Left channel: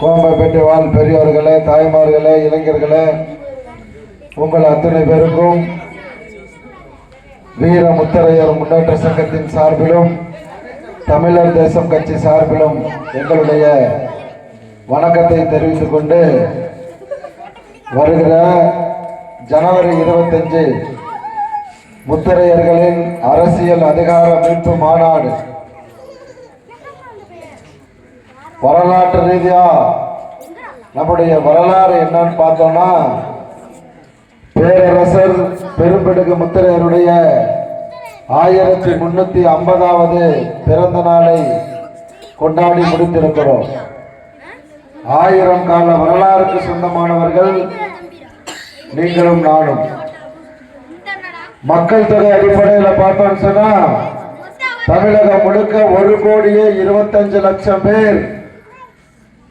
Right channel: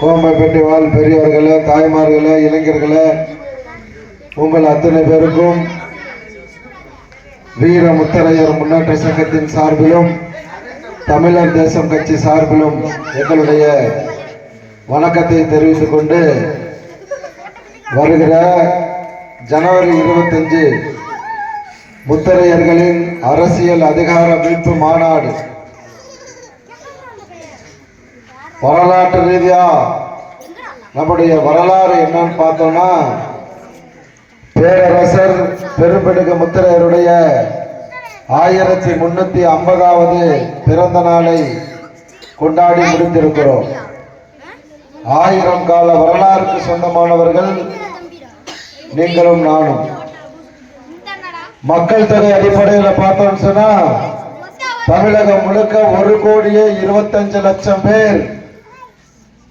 கோமப்பேட்டை வாழ் பெரியவர்களே, தாய்மார்களே, இளைஞர்களே, உங்கள் அத்தனை பேருக்கும் வீர முத்தரையர் முன்னேற்ற சங்கத்தின் சார்பிலும் தமிழர் தேசம் கட்சி சார்பிலும் எங்களுடைய வணக்கத்தை தெரிவித்துக் கொண்டு வருகிற ஜனவரி 25 முத்தரையர்களின் அரசியல் அதிகார மீட்பு மாநாடு வரலாற்று ரீதியா நம்முடைய வரலாறு என்னன்னு பார்த்தோம்னா, பேரரசர் பெரும்பெடுக முத்தரையருடைய 1350வது பிறந்த நாளை கொண்டாடி முடித்திருக்கிறோம். 1000 கால வரலாறுக்கு சொந்தமானவர்கள் நீங்களும் நானும். மக்கள் தொகை அடிப்படையில் பார்த்தோம்னு சொன்னா தமிழகம் முழுக்க 1,25,00,000 பேர்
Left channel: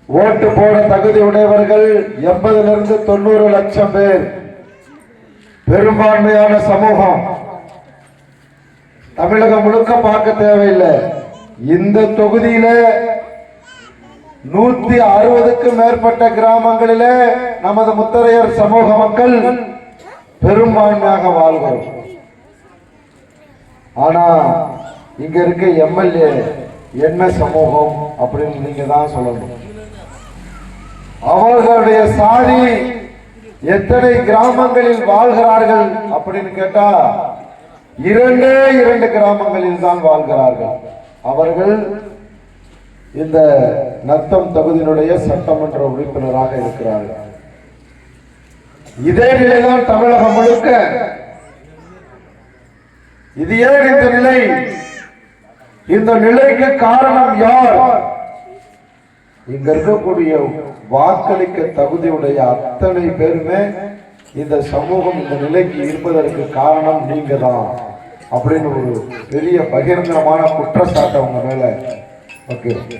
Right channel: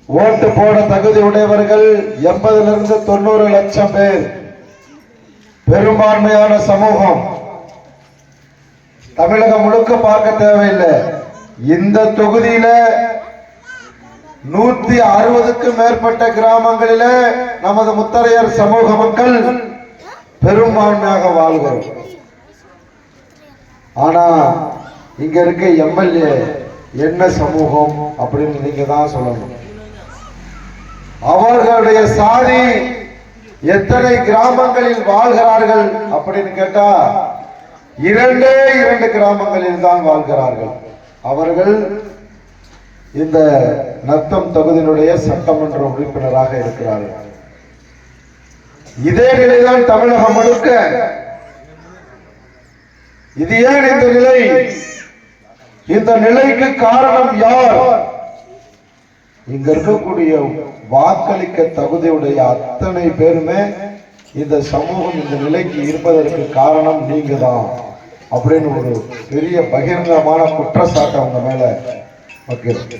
ஓட்டு போட தகுதி உடையவர்கள் 80 to 90 லட்சம் பேர். பெரும்பான்மையான சமூகம். தமிழகம் முழுக்க பார்க்க தேவையில்லை. இந்த தொகுதியில 160க்கும் மேற்பட்ட கிராமங்களில நமது முத்தரையர் சமூக மக்கள் பெரும்பான்மையாக வாழ்கிறோம். ஆனா இங்க இருக்க எம்எல்ஏ என்ன சமூகம் அப்படின்னு நீங்க தான் சொல்லணும். அவர்களுடைய சாதி எத்தனை கிராமங்களில் வாழ்கிறார்கள் அப்படின்னு கேட்டா 2 கிராமங்களில் தான் வாழ்கிறார்கள். அவர்கள் இந்த நத்தம் தொகுதியினுடைய சட்டமன்ற உறுப்பினராக இருக்கிறார்கள். இதே நிலைதான் தமிழகம் முழுக்க. இது ஏன் இந்த நிலை? இந்த நிலைக்கு காரணம் யார்? இங்க இருக்கக்கூடிய வாக்களிக்க தகுதியுடைய அத்தனை பேருமே இந்த சமூகம் இந்த நிலைக்கு இருப்பதற்கு காரணம் நீங்க தான் அப்படின்னு ஒரு பெரிய பகிரங்கமான குற்றச்சாட்டு அவங்க மேல வைக்கிறோம்.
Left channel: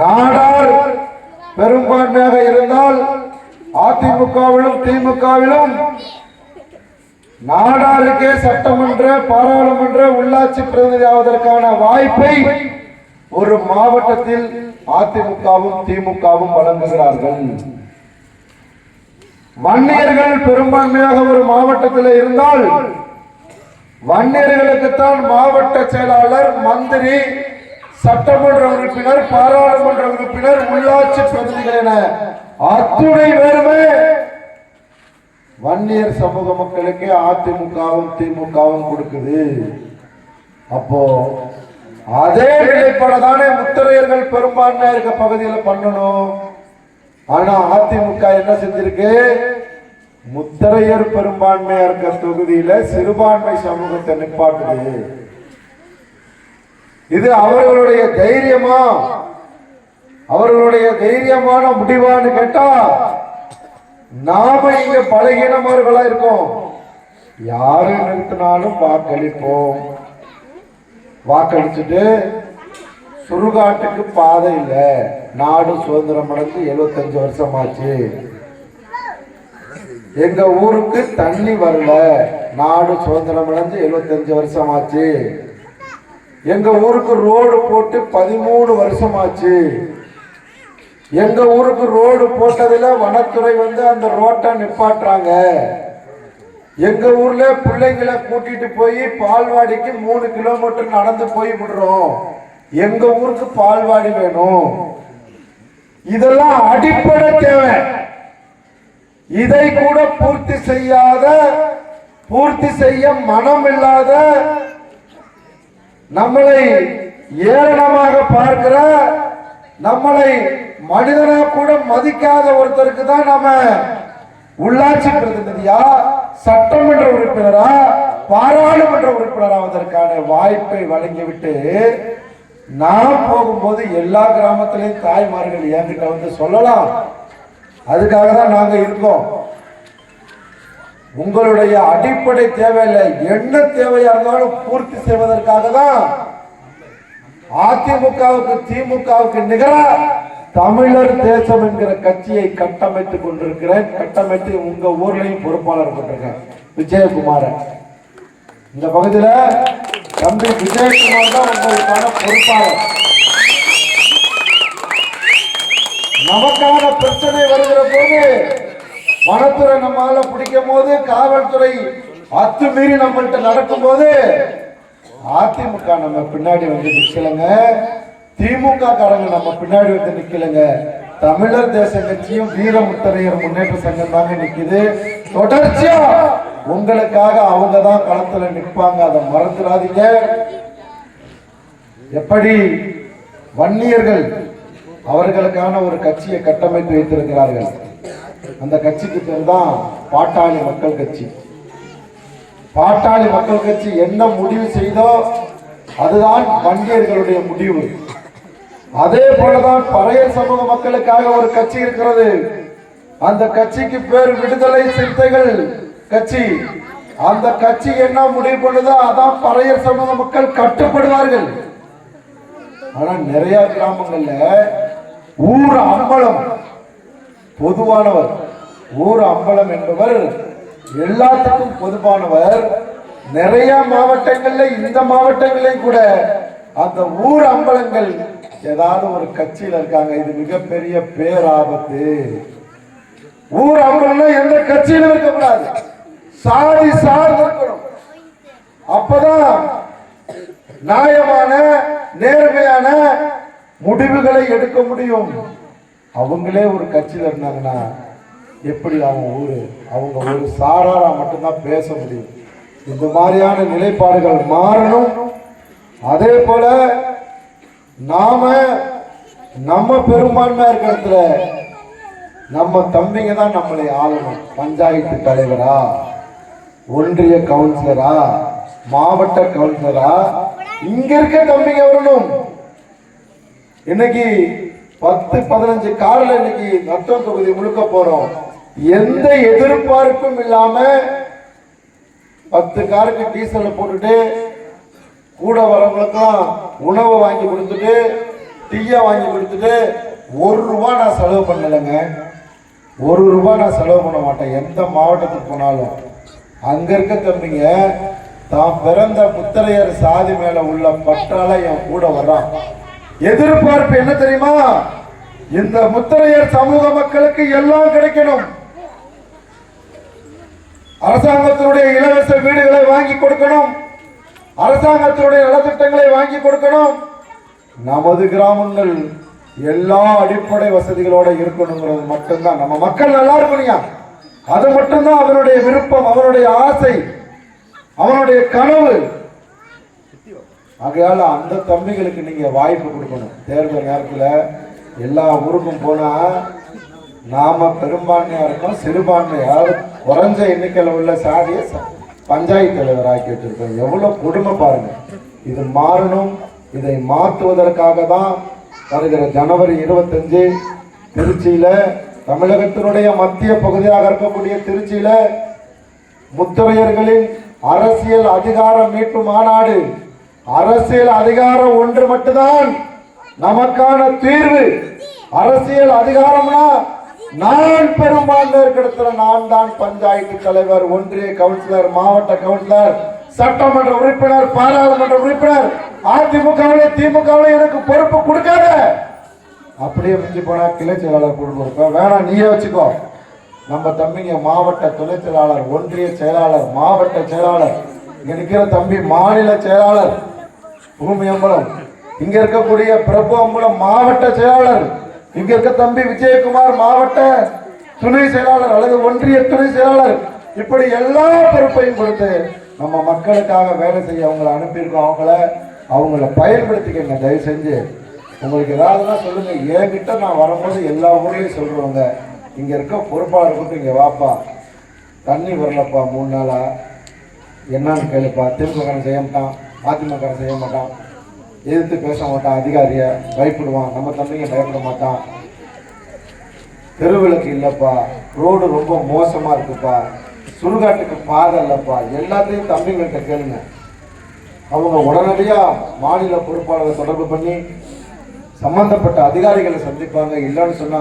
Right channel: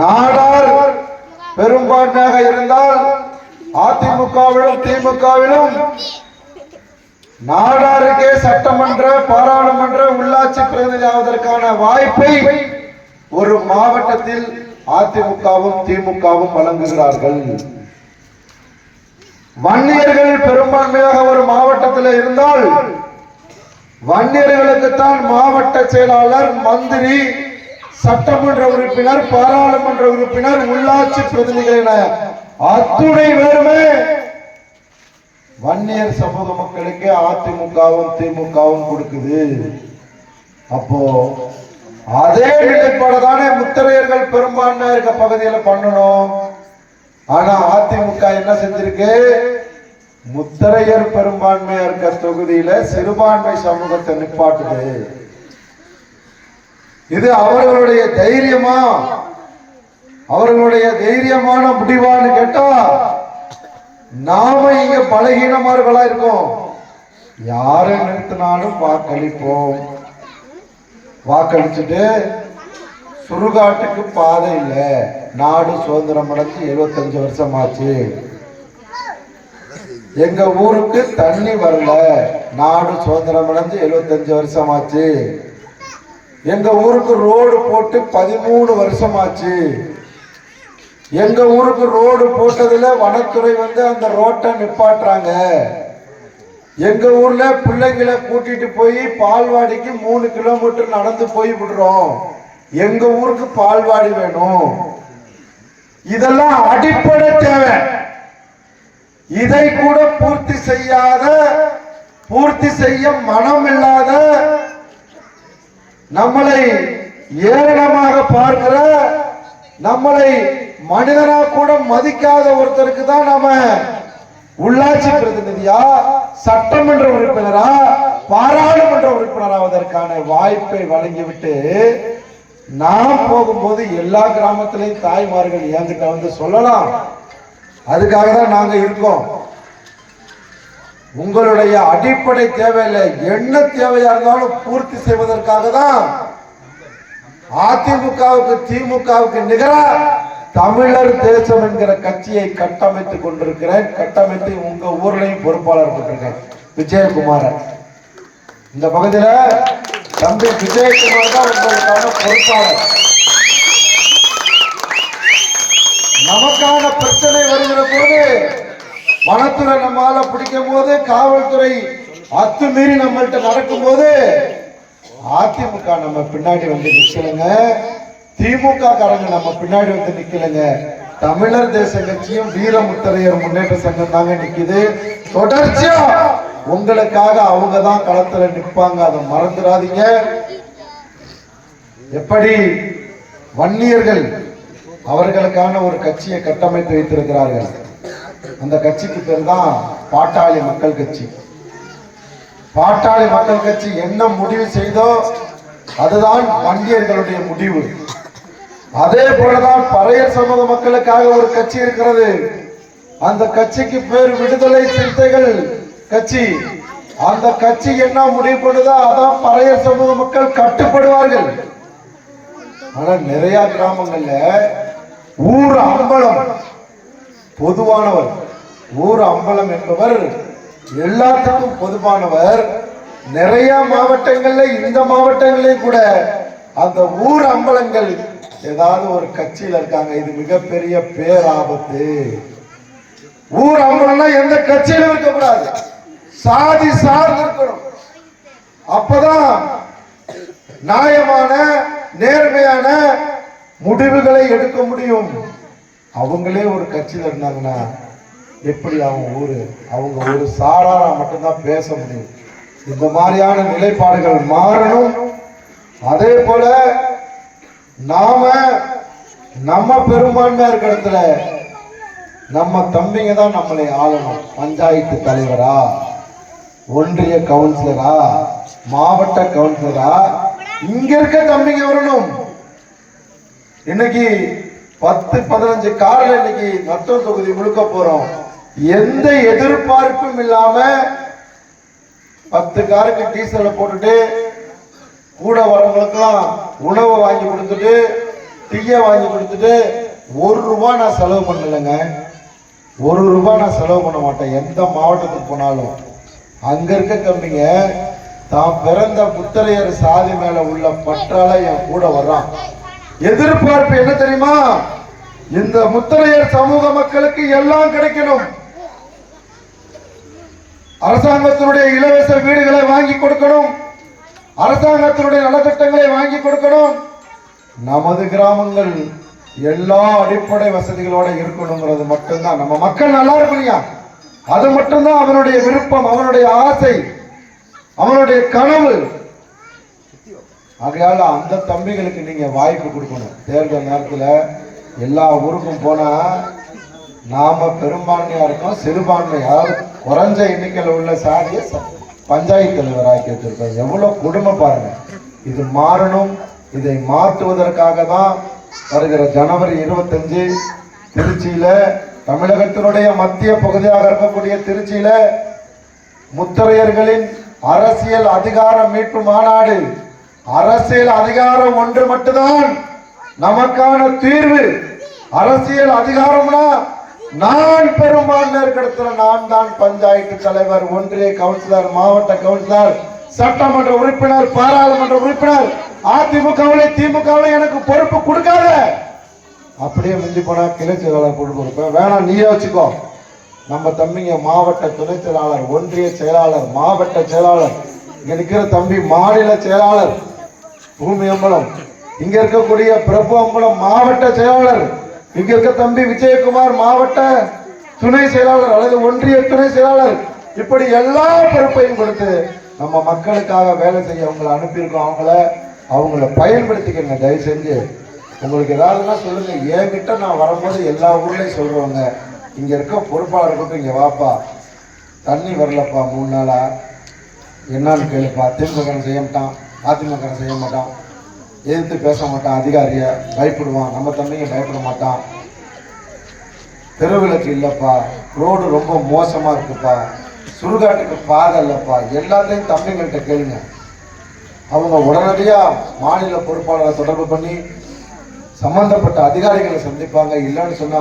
நாடார் பெரும்பான்மையாக இருந்தால் அதிமுகவிலும் திமுகவிலும் நாடாருக்கே சட்டமன்ற, பாராளுமன்ற, உள்ளாட்சி பிரதிநிதி ஆவதற்கான வாய்ப்பை ஒரு மாவட்டத்தில் அதிமுகவும் திமுகவும் வழங்குகிறார்கள். வன்னியர்கள் பெரும்பான்மையாக ஒரு மாவட்டத்தில் இருந்தால் வன்னியர்களுக்குத்தான் மாவட்ட செயலாளர், மந்திரி, சட்டமன்ற உறுப்பினர், பாராளுமன்ற உறுப்பினர், உள்ளாட்சி பிரதிநிதிகள் என அத்துணை பேருமே வன்னியர் சமூக மக்களுக்கு அதிமுகவும் திமுகவும் கொடுக்குது. அப்போ அதே நிலைப்பாடுதானே முத்தரையர்கள் பெரும்பான்மையா இருக்க பகுதியில் பண்ணணும். ஆனா அதிமுக என்ன செஞ்சிருக்கு? முத்தரையர் பெரும்பான்மையா இருக்க தொகுதியில சிறுபான்மை சமூகத்தை நிப்பாட்டுது. இது அவர்களுடைய தைரியமா, அவர்களுடைய தைரியமான முடிவான்னு கேட்டா, நாம இங்க பலகீனமார்களா இருக்கோம். யாரை நிறுத்தினாலும் வாக்களிப்போம். வாக்களிச்சுட்டு சுடுகாட்டுக்கு பாதை இல்லை, நாடு சுதந்திரம் அடைஞ்சு 75 வருஷம் ஆச்சு, எங்க ஊருக்கு தண்ணி வரல, நாடு சுதந்திரம் அடைஞ்சு 75 வருஷம் ஆச்சு, எங்க ஊருக்கு ரோடு போட்டு 13 வருஷம் ஆச்சு, எங்க ஊருக்கு ரோடு போட்டதுல வனத்துறை அந்த ரோட்டை நிப்பாட்டுறாங்க, எங்க ஊர்ல பிள்ளைங்களை கூட்டிட்டு போய் பால்வாடிக்கு 3 கிலோமீட்டர் நடந்து போய் விடுறோம், எங்க ஊருக்கு பால்வாடி வேணும். இதெல்லாம் அடிப்படை தேவை. இதை கூட பூர்த்தி செய்ய மனம் இல்லாத, நம்மளை ஏளனமாக பார்க்கிற, நம்மளை மனிதனா கூட மதிக்காத ஒருத்தருக்கு தான் நம்ம உள்ளாட்சி பிரதிநிதியா, சட்டமன்ற உறுப்பினரா, பாராளுமன்ற உறுப்பினராவதற்கான வாய்ப்பை வழங்கிவிட்டு நாம் போகும்போது எல்லா கிராமத்திலையும் தாய்மார்கள் என்கிட்ட சொல்லலாம். அதுக்காக தான் நாங்க இருக்கோம். உங்களுடைய அடிப்படை தேவையில்லை, என்ன தேவையா இருந்தாலும் பூர்த்தி செய்வதற்காக தான் அதிமுகவுக்கு திமுகவுக்கு நிகர தமிழர் தேசம் என்கிற கட்சியை கட்டமைத்துக் கொண்டிருக்கிறேன். கட்டமைத்து உங்க ஊர்லையும் பொறுப்பாளர் போட்டிருக்கேன், விஜயகுமார. இந்த பகுதியில தம்பி விஜயகுமார் தான் உங்களுக்கான பொறுப்பாளர். நமக்கான பிரச்சனை வருகிற போது வனத்துறை நம்மால பிடிக்கும் போது, காவல்துறை அத்துமீறி நம்மள்கிட்ட நடக்கும் போது அதிமுக நம்ம பின்னாடி வந்து நிக்கலங்க, திமுக காரங்க நம்ம பின்னாடி வந்து நிக்கலங்க. தமிழர் தேச கட்சியும் வீரமுத்தரையர் முன்னேற்ற சங்கம் தாங்க நிக்குது. தொடர்ச்சியா உங்களுக்காக அவங்க தான் களத்துல நிற்பாங்க, அதை மறந்துடாதீங்க. எப்படி வன்னியர்கள் அவர்களுக்கான ஒரு கட்சியை கட்டமைத்து வைத்திருக்கிறார்கள். அந்த கட்சிக்கு பேர் தான் பாட்டாளி மக்கள் கட்சி. பாட்டாளி மக்கள் கட்சி என்ன முடிவு செய்தோ அதுதான் வன்னியர்களுடைய முடிவு. அதே போலதான் பறையர் சமூக மக்களுக்காக ஒரு கட்சி இருக்கிறது. அந்த கட்சிக்கு பேர் விடுதலை சிறுத்தைகள் கட்சி. அந்த கட்சி என்ன முடிவு பண்ணுதோ அதான் பறையர் சமூக மக்கள் கட்டுப்படுவார்கள். ஆனா நிறைய கிராமங்கள்ல ஊர் அம்பலம் பொதுவானவர். ஊர் அம்பலம் என்பவர் எல்லாத்துக்கும் பொதுவானவர். நிறைய மாவட்டங்கள்ல, இந்த மாவட்டங்களையும் கூட அந்த ஊர் அம்பலங்கள் ஏதாவது ஒரு கட்சியில இருக்காங்க. இது மிகப்பெரிய பேராபத்து. ஊர் அம்பலம் எந்த கட்சியிலும் இருக்கக்கூடாது, சாதி சார்ந்து இருக்கணும். அப்பதான் நியாயமான நேர்மையான முடிவுகளை எடுக்க முடியும். அவங்களே ஒரு கட்சியில இருந்தாங்கன்னா எப்படி அவங்க ஒரு சாராரா மட்டும்தான் பேச முடியும். இந்த மாதிரியான நிலைப்பாடுகள் மாறணும். அதே போல நாம நம்ம பெரும்பான்மையா இருக்கிற இடத்துல நம்ம தம்பிங்க தான் நம்மளை ஆளணும். பஞ்சாயத்து தலைவரா, ஒன்றிய கவுன்சிலரா, மாவட்ட கவுன்சிலரா, இங்க இருக்க தம்பிங்க வரணும். இன்னைக்கு 10-15 காரில் இன்னைக்கு நத்தம் தொகுதி முழுக்க போறோம். எந்த எதிர்பார்ப்பும் இல்லாம 10 காருக்கு டீசலை போட்டுட்டு கூட வரவங்களுக்கெல்லாம் உணவை வாங்கி கொடுத்துட்டு டீயை வாங்கி கொடுத்துட்டு 1 ரூபாய் நான் செலவு பண்ணலைங்க. 1 ரூபாய் நான் செலவு பண்ண மாட்டேன். எந்த மாவட்டத்துக்கு போனாலும் அங்க இருக்க தம்பிங்க தான் பிறந்த முத்தரையர் சாதி மேல உள்ள பற்றால என் கூட வர்றான். எதிர்பார்ப்பு என்ன தெரியுமா? இந்த முத்தரையர் சமூக மக்களுக்கு எல்லாம் கிடைக்கணும். அரசாங்கத்தினுடைய இலவச வீடுகளை வாங்கி கொடுக்கணும், அரசாங்கத்தினுடைய நலத்திட்டங்களை வாங்கி கொடுக்கணும். நமது கிராமங்கள் எல்லா அடிப்படை வசதிகளோட இருக்கணுங்கிறது மட்டும்தான். நம்ம மக்கள் நல்லா இருக்கணும்யா, அது மட்டும்தான் அவனுடைய விருப்பம், அவனுடைய ஆசை, அவனுடைய கனவு. ஆகையால அந்த தம்பிகளுக்கு நீங்க வாய்ப்பு கொடுக்கணும். தேர்தல் நேரத்தில் எல்லா ஊருக்கும் போனா நாம பெரும்பான்மையா இருக்கோம், சிறுபான்மையார் குறைஞ்ச எண்ணிக்கையில் உள்ள சாதிய பஞ்சாயத்து தலைவர் ஆக்கி வச்சிருக்கோம். எவ்வளவு கொடுமை பாருங்க. இது மாறணும். இதை மாற்றுவதற்காக தான் வருகிற ஜனவரி 25 திருச்சியில, தமிழகத்தினுடைய மத்திய பகுதியாக இருக்கக்கூடிய திருச்சியில முத்தரையர்களின் அரசியல் அதிகார மீட்பு மாநாடு. அரசியல் அதிகாரம் ஒன்று மட்டும்தான் நமக்கான தீர்வு. அரசியல் அதிகாரம்னா நான் பெரும்பான்மை இருக்கிற நான் தான் பஞ்சாயத்து தலைவர், ஒன்றிய கவுன்சிலர், மாவட்ட கவுன்சிலர், சட்டமன்ற உறுப்பினர், பாராளுமன்ற உறுப்பினர். அதிமுகவிலே திமுகவிலே எனக்கு பொறுப்பு கொடுக்காத. அப்படியே முடிஞ்சு போனா கிளை செயலாளர் கொடுப்பேன். வேணாம், நீயே வச்சுக்கோ. நம்ம தம்பிங்க மாவட்ட துணை செயலாளர், ஒன்றிய செயலாளர், மாவட்ட செயலாளர், இங்க இருக்கிற தம்பி மாநில செயலாளர் பூமி அம்பலம், இங்க இருக்கக்கூடிய பிரபு அம்பலம் மாவட்ட செயலாளர், இங்க இருக்க தம்பி விஜயகுமார் மாவட்ட துணை செயலாளர் அல்லது ஒன்றிய துணை செயலாளர். இப்படி எல்லா பொறுப்பையும் கொடுத்து நம்ம மக்களுக்காக வேலை செய்ய அவங்களை அனுப்பியிருக்கோம். அவங்கள பயன்படுத்திக்கங்க. தயவு செஞ்சு உங்களுக்கு ஏதாவதுன்னா சொல்லுங்க. என்கிட்ட நான் வரும்போது எல்லா ஊர்லயும் சொல்றவங்க, இங்க இருக்க பொறுப்பாளர் கூப்பிட்டு இங்க வாப்பா, தண்ணி வரலப்பா 3 நாளா, என்னன்னு கேளுப்பா. திமுக செய்ய மாட்டான், அதிமுக செய்ய மாட்டான், எதிர்த்து பேச மாட்டான், அதிகாரிய பயப்படுவான். நம்ம தம்பிங்க பயப்பட மாட்டான். தெருவிளக்கு இல்லப்பா, ரோடு ரொம்ப மோசமா இருக்குப்பா, சுடுகாட்டுக்கு பாதை இல்லப்பா, எல்லாத்தையும் தம்பிங்கள்ட்ட கேளுங்க. அவங்க உடனடியா மாநில பொறுப்பாளரை தொடர்பு பண்ணி சம்பந்தப்பட்ட அதிகாரிகளை சந்திப்பாங்க. இல்லைன்னு சொன்னா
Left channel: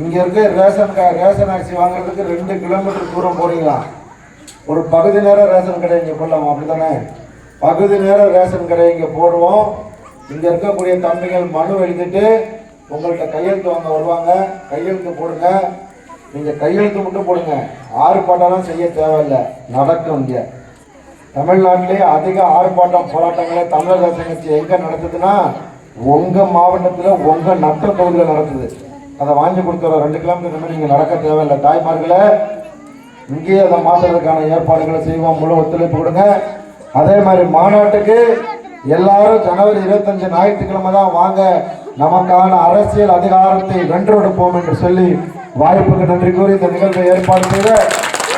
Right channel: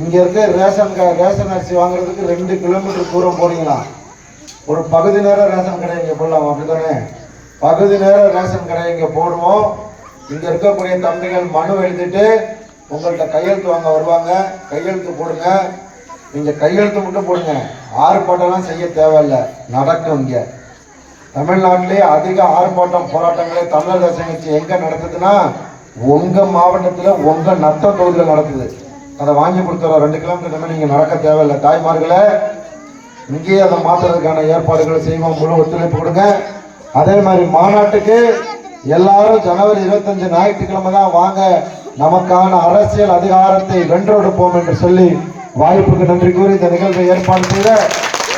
இங்க இருக்க ரேஷன் அரிசி வாங்குறதுக்கு 2 கிலோமீட்டர் தூரம் போறீங்களா? ஒரு பகுதி நேர ரேஷன் கடை இங்க போடலாம், அப்படித்தானே? பகுதி நேர ரேஷன் கடை இங்க போடுவோம். இங்க இருக்கக்கூடிய தம்பிகள் மனு எழுதிட்டு உங்கள்கிட்ட கையெழுத்து வாங்க வருவாங்க. கையெழுத்து போடுங்க. நீங்க கையெழுத்து மட்டும் போடுங்க, ஆர்ப்பாட்டம்லாம் செய்ய தேவையில்லை, நடக்கும். இங்க தமிழ்நாட்டிலே அதிக ஆர்ப்பாட்டம் போராட்டங்களே தமிழக தேசம் கட்சி எங்க நடத்துதுன்னா உங்க மாவட்டத்துல உங்க நத்த தொகுதியில் நடத்துது. அதை வாங்கி கொடுத்துறோம். 2 கிலோமீட்டர் நீங்க நடக்க தேவையில்லை. தாய்மார்களை இங்கேயே அதை மாற்றுறதுக்கான ஏற்பாடுகளை செய்வோம். முழு ஒத்துழைப்பு கொடுங்க. அதே மாதிரி மாநாட்டுக்கு எல்லாரும் ஜனவரி 25 ஞாயிற்றுக்கிழமை தான் வாங்க. நமக்கான அரசியல் அதிகாரத்தை வென்றெடுப்போம் என்று சொல்லி வாய்ப்புக்கு நன்றி கூறி இந்த நிகழ்வை ஏற்பாடு செய்த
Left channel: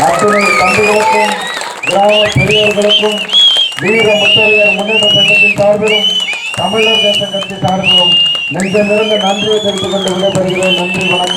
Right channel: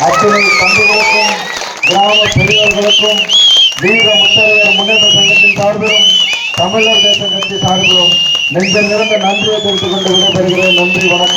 அத்தனை தம்பிகளுக்கும் கிராம பெரியவர்களுக்கும் வீர முத்தரையர் முன்னேற்ற சங்கத்தின் சார்பிலும் தமிழர் தேச கட்சி சார்பிலும் நெஞ்ச நிறைந்த நன்றியை தெரிவித்துக் கொண்டு விடைபெறுகிறேன். நன்றி, வணக்கம்.